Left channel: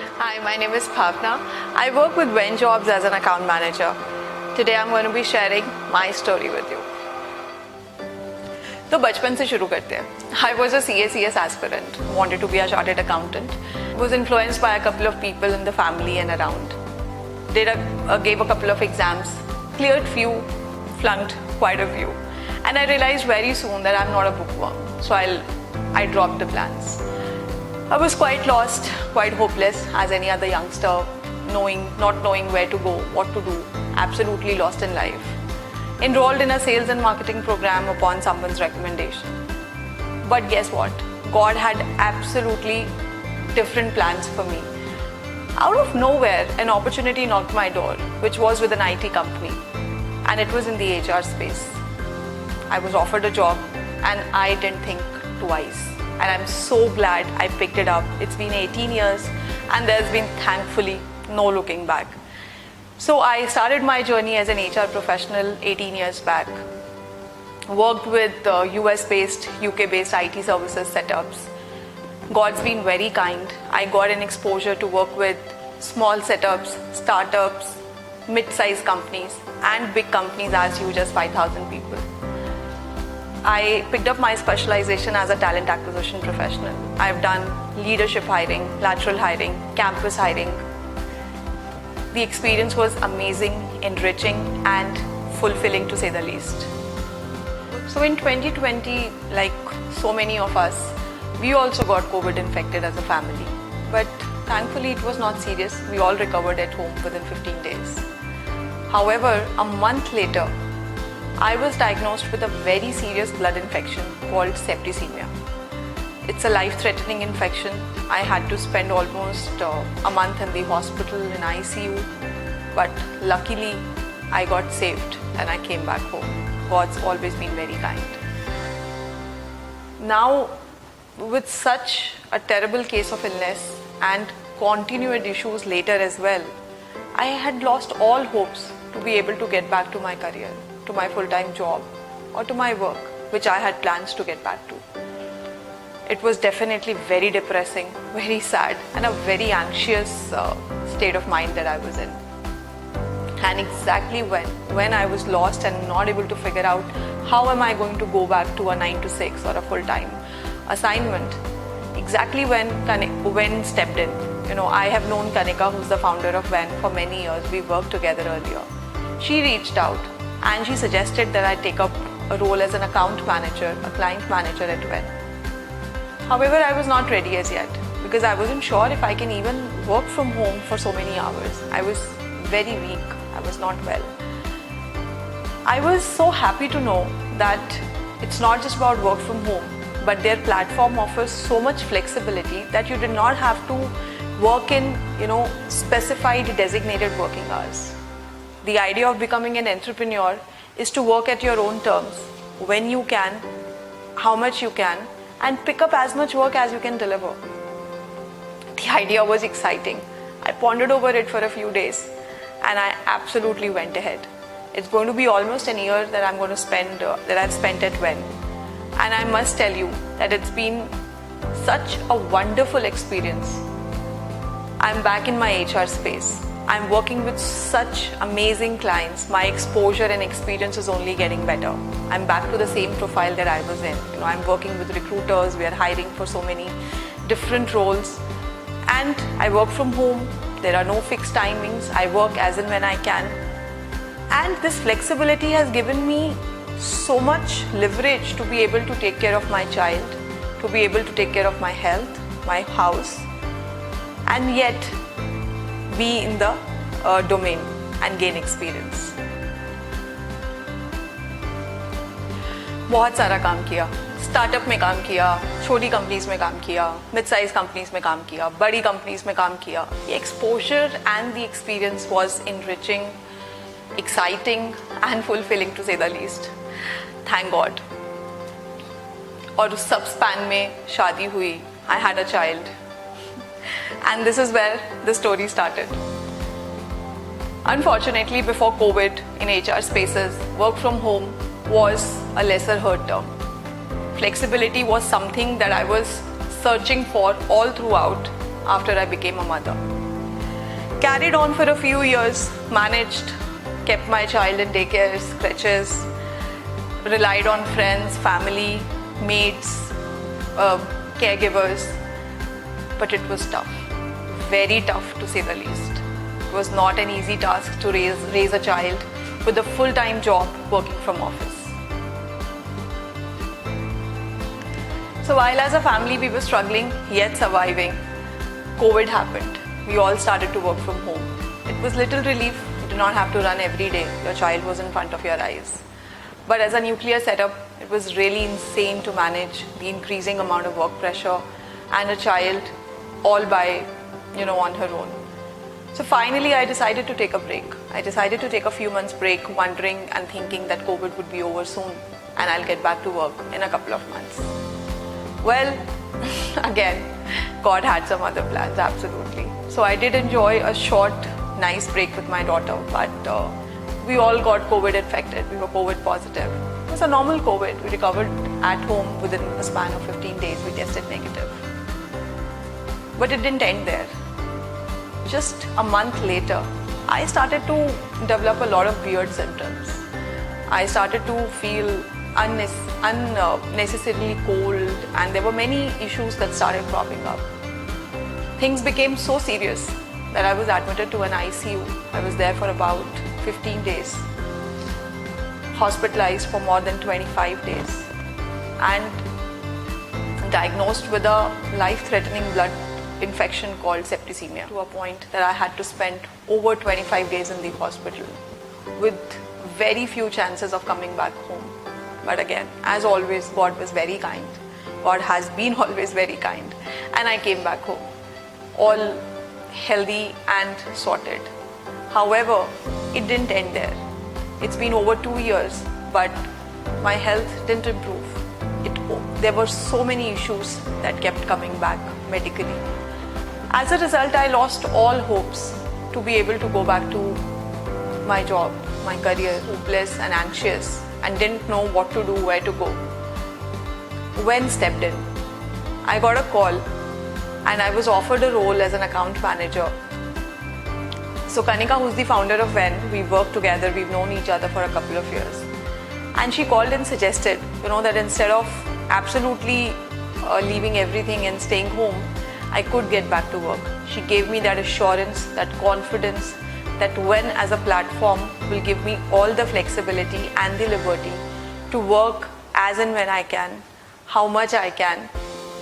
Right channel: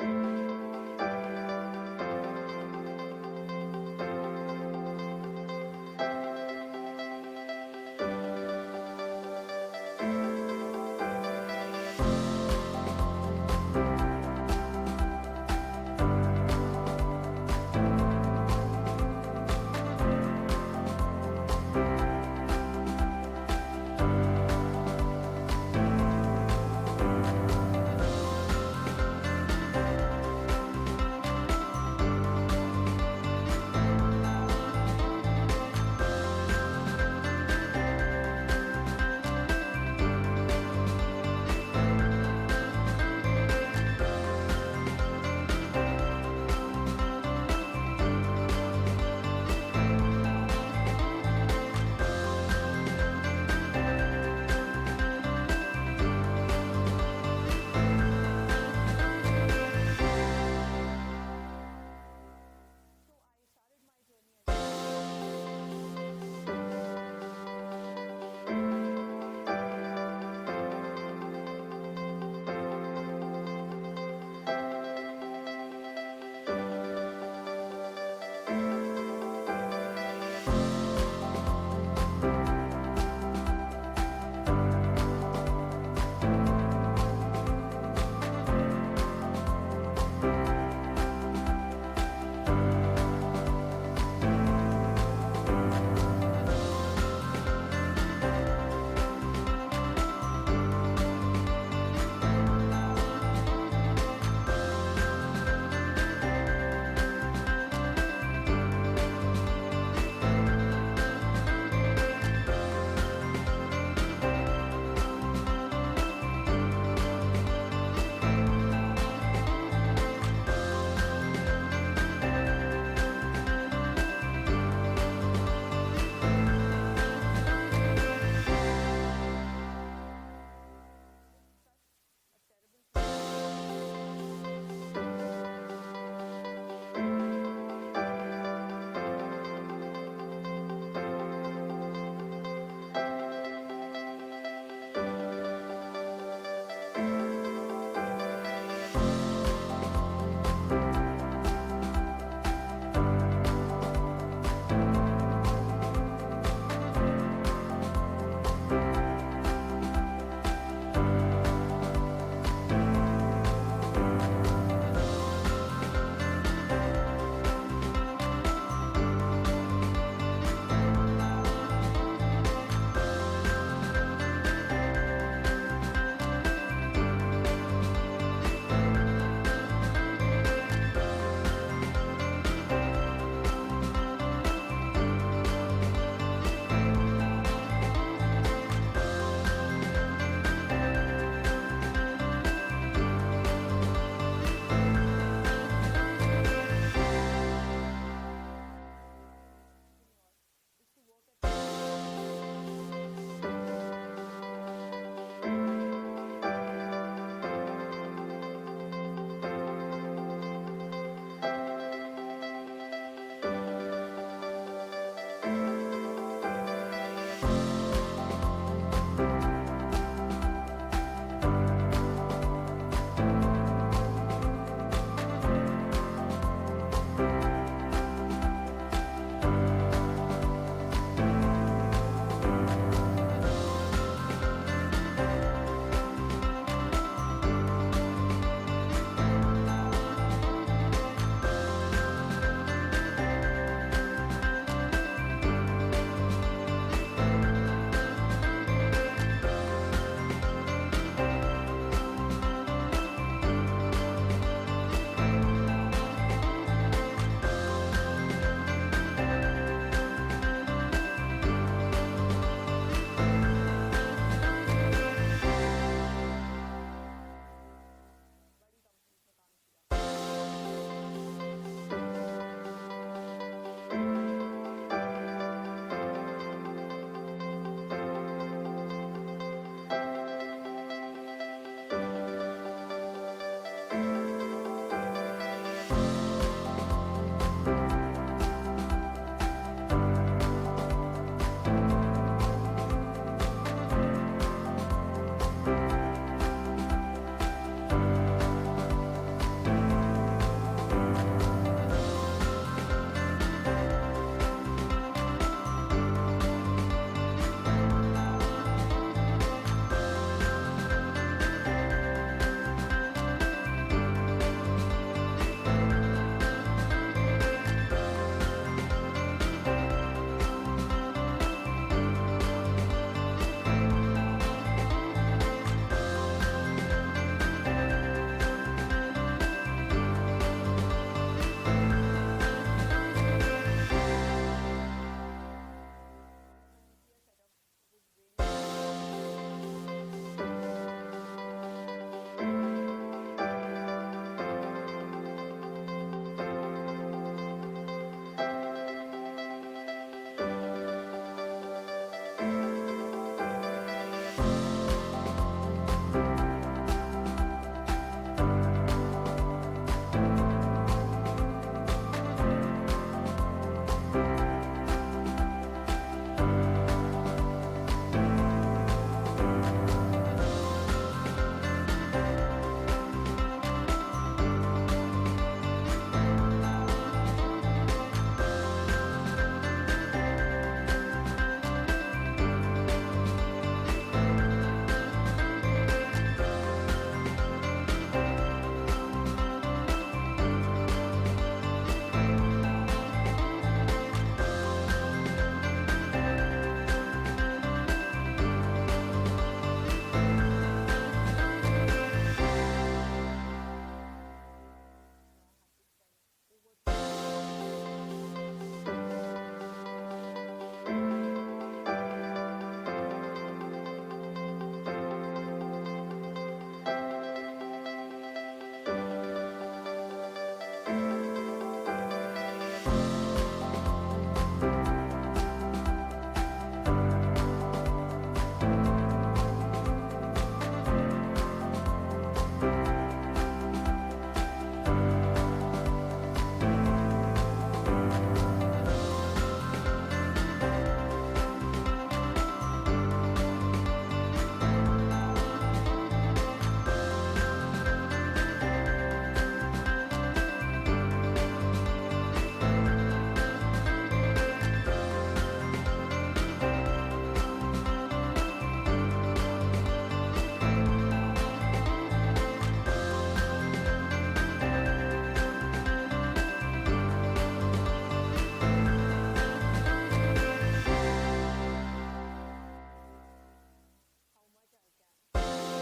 Hi, my name is Bhavna. I work with WEN Jobs as an account manager. Today I'm going to be sharing my story with you. तो बचपन से शुरू करते हैं. I was a CACS aspirant, wanted to be a chartered accountant, was influenced by a couple of people in the family and around. Gave a couple of exams, cleared few, flunked quite a few. And I realized very soon that I'm not a bookworm, so I dropped the plans. I was quite lost, quite hopeless as any other youngster, not knowing where to go, what to do, absolutely lost in life. Enrolled in a sales and marketing program upon someone's recommendation. But guess what? God had absolutely different plans for me. Out of nowhere, an opportunity knocked my door, which was with an IT company, and it was in the HR space. I was offered a job and I didn't think twice. And I'm so glad I picked it up. It's been 18 years and there's been thankfully no looking back. So I started my journey as an HR professional 18 years back. Worked with US-based, UK-based IT services setups. God's been very kind. I got an exposure to work with small setups, startups, mid-sized companies and big companies as huge as 5,000 people. I picked up my specialization as a talent acquisition professional. I've done leadership hiring, lateral hiring, campus hiring. The experience was amazing, enriching and fulfilling to say the least. So in 2020, like so many of us, we also got COVID infected as a family. But thankfully it was not serious. We all recovered at home within 15 days. However, a month later, I was diagnosed with a very serious blood infection called septicemia. It's a life-threatening infection. I had to spend almost a month in the hospital in ICU, but luckily I got saved and I came back home. God's always been very kind. Now, with such a terrible case of illness and continued issues later as well, I had lost all hopes to be able to get back to my career, to my full-time job or to my work, which I had plans to get back to. It was definitely very depressing, very sad and a very anxious state of mind that I was in. And exactly when I was lost and not able to figure out how am I going to go back to a 9 to 6 or a full-time assignment, exactly when WEN stepped in. I have known Kanika, who's the founder of WEN, for many years. We worked together earlier. She reached out and she suggested that I take up a role as an account manager, a client manager at WEN. However, I was not ready as yet because I wasn't sure if I can even work from home for so many hours. I was very weak. I was not well. I was so happy to know that it's not just about work from home, but their platform offers so much flexibility that you did not have to work in, specified designated working hours. The idea of becoming an entrepreneur is to work at your own terms, when you can, how much you can, and pick up as much work as you can deliver. The idea was exciting. I pondered over it for a few days and I absolutely went ahead. It's going to be almost a year that I've spent at WEN. And I must tell you that it's been such a wonderful experience. I'm back in my HR space. I'm working with such amazing clients. My exposure and experience is only getting better. I'm back to the same profile that I was in. I'm working with recruiters. We are hiring for so many different roles. And I work from home. There are no fixed timings. I work as and when I can. And this flexibility has given me so much leverage to be able to take care of my child, to be able to take care of my health, my house, and yet be in the domain and gain experience. बहुत सारा काम किया, startup में काम किया, छोटी companies में काम किया, मिड साइज कंपनीज में काम किया, बड़ी कंपनीज में काम किया. The exposure and the experience was enriching, exciting and fulfilling to say the least. Thank God. और उस सब स्पैन में शादी हुई. I had a child. And this is where the story started. Unfortunately, before COVID, in HR spaces, work from home was a lesser heard term. Flexibility was something that I was searching for all throughout after I became a mother. Carried on for a few years, managed, kept my child in daycare, crèches, relied on friends, family, mates, caregivers, but it was tough, very tough to say the least. It was not an easy task to raise a child with a full-time job working from office. So while as a family we were struggling yet surviving, COVID happened. We all started to work from home. It was little relief. You did not have to run every day. Your child was in front of your eyes. But as a nuclear setup, it was really insane to manage the increasing amount of work pressure and a child all by, on her own. So finally, I decided to take a break. I decided to take a few months break, wondering and thinking that COVID would be over soon and I'll get back to work in a couple of months. Well, again, God had some other plans, absolutely. So I did enjoy a short, nice break with my daughter, but we all got COVID infected. We were COVID positive. It's a normal COVID. We recovered at home within a span of 15 days. We tested negative. But it didn't end there. Just a month later, I started to develop a lot of weird symptoms. I started to feel unnecessarily cold, and there were many issues that started cropping up. Things became so serious that I was admitted to an ICU. I was there for about 15 days, hospitalized for more than 25 days, and diagnosed with a life-threatening blood infection called septicemia, to a point that I had to spend over 25 days in the hospital with very few chances of coming back home. But again, as always, God was very kind. God has been always very kind. And I came back home, all healthy and sorted. However, it didn't end there. It's been over 2 years, but my health didn't improve. There were so many issues that kept coming back medically. As a result, I lost all hopes to be able to go back to my job, my career, hopeless and anxious, and didn't know what to do, where to go. WEN stepped in. I got a call and I was offered a role as an account manager. So Kanika, who's the founder of WEN, we worked together, we've known each other for a couple of years. And she called and suggested, that instead of absolutely leaving everything and staying home, I could get back to work. She gave me that assurance, that confidence, that WEN as a platform will give me all the flexibility and the liberty to work as and when I can, how much I can,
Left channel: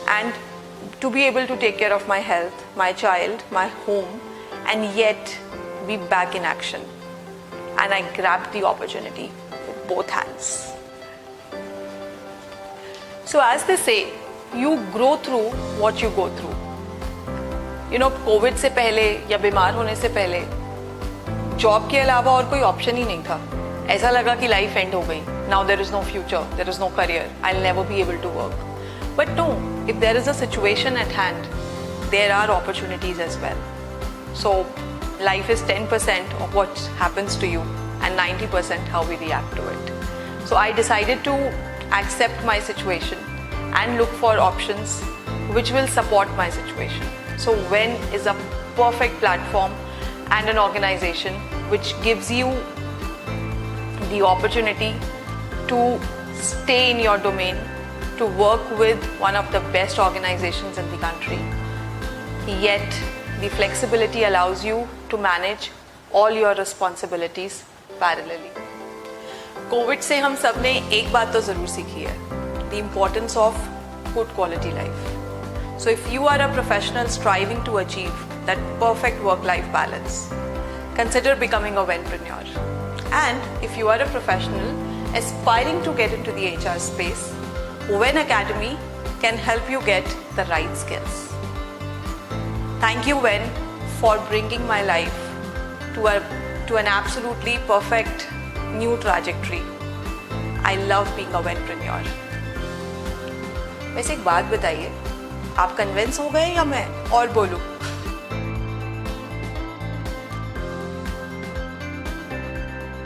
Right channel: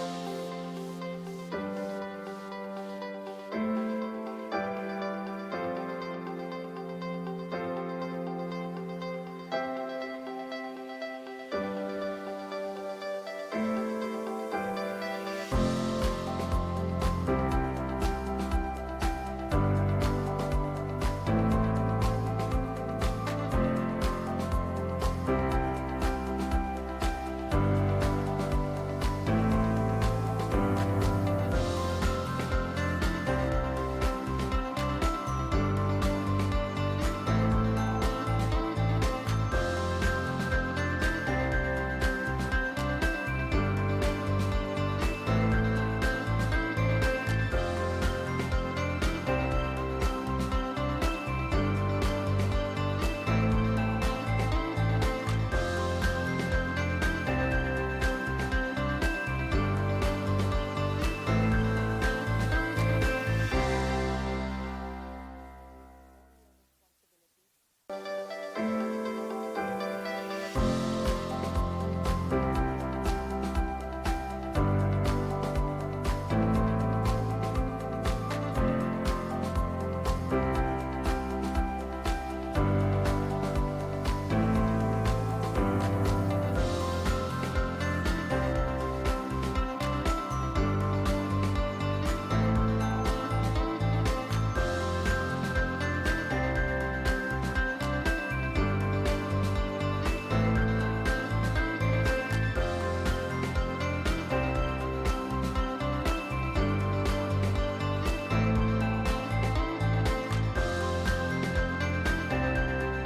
and to be able to take care of my health, my child, my home, and yet be back in action. And I grabbed the opportunity with both hands. So as they say, you grow through what you go through. Covid से पहले या बीमार होने से पहले job के अलावा और कोई ऑप्शन ही नहीं था. ऐसा लगा कि लाइफ एंड हो गई. Now there is no future, there is no career, I will never be able to work. But no, if there is a situation at hand, there are opportunities as well. So life is 10% of what happens to you and 90% how we react to it. So I decided to accept my situation and look for options which will support my situation. So WEN is a perfect platform and an organization which gives you the opportunity to stay in your domain, to work with one of the best organizations in the country. Yet the flexibility allows you to manage all your responsibilities parallelly. Covid से हम सब ने एक बात तो जरूर सीखी है, the importance of good quality life. So if you are a professional striving to achieve that perfect work-life balance, consider becoming a WENpreneur. And if you are a professional aspiring to get into the HR space, WEN Academy can help you get the right skills. Thank you, WEN, for bringing my life to an absolutely perfect new trajectory. I love being a WENpreneur. वैसे एक बात बताइए, आप convince हो गए या मैं और बोलूं?